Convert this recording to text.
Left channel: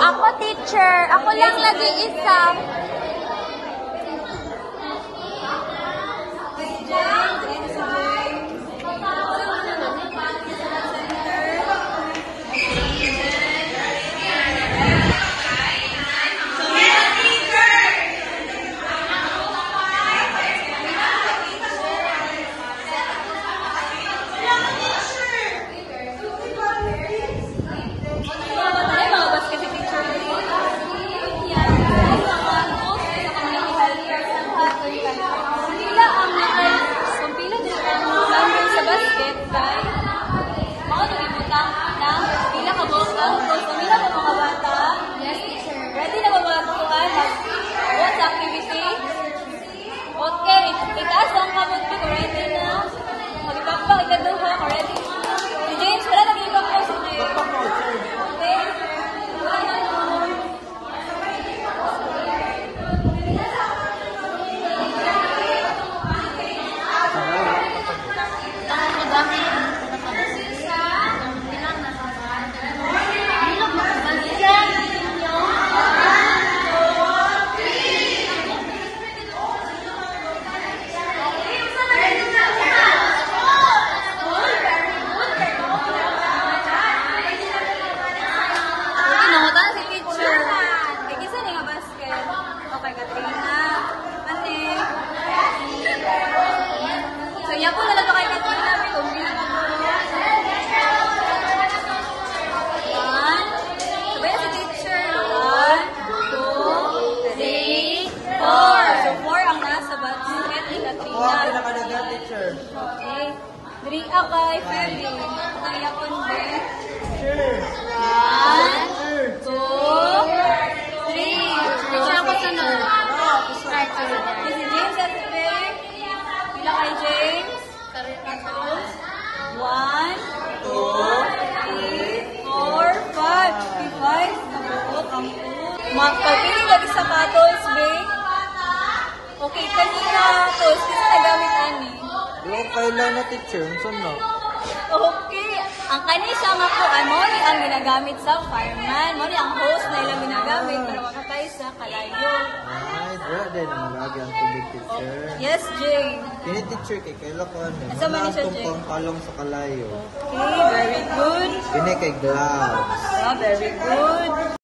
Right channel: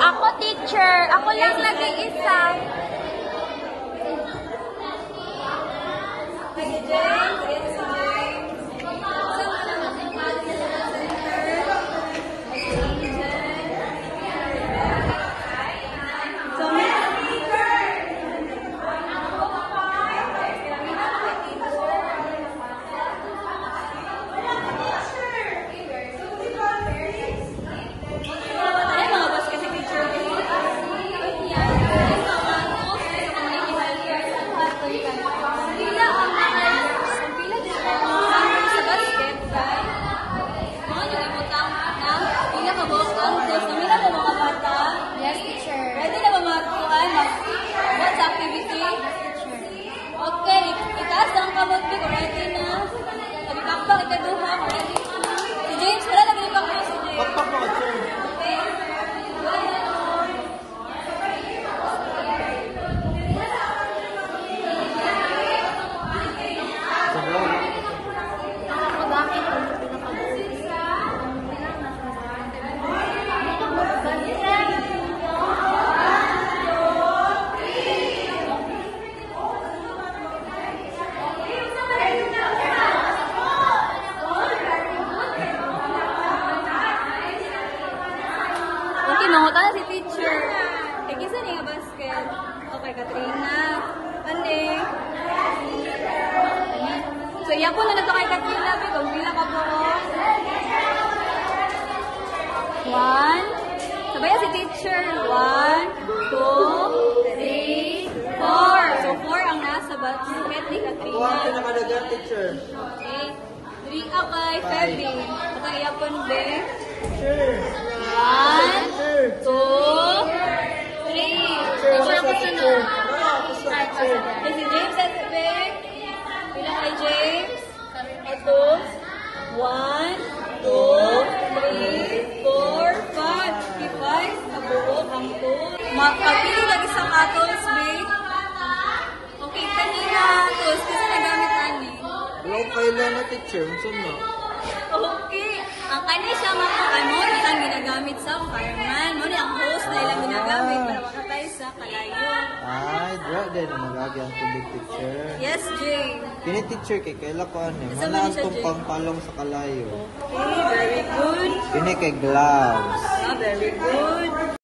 Ako, teacher. Ako lang nag-iisa. Okay, itaas ang kamot ko. Ready na. Magpakpa, ikaduha. Ready na. Si James, wala nag-ibang ko si James. Pakpak mo, sir. Okay. Okay, Katrina. Ante. So, yan po na ito kay Katrina. Tumila ka po. 1. Sabayan si teacher. 1, 2, 3, 4. So, 4 ang nasa basket ni Katrina. Wow, pinakadagat, teacher. Okay. 3 up kay Freddy. At ang iyapon, be. Sure. 1, 2, 3. Kasi James at Rick. Pila kay James? Ato. 1, 2, 3, 4, 5. 5. Ako, ang 2. Magpapili lagi sa katos, Vic. Okay, kanina tos. Kasi nagamit ani. Yung kailan na, teacher? Saan na? Okay. Ang kani siya mo po, ano ang ginagamit sa fireman. Mo ang host na ilang ginagamit para makatay sa kalayo. Ay, dyan na magagi ang tubig, teacher. Yes, James. Kini, teacher, kay kaila ko ano. Asa man Manaas siya, kong Jay? pangpalong sa kalayo. Okay, very good. Kini kay gloves. Oh, very good.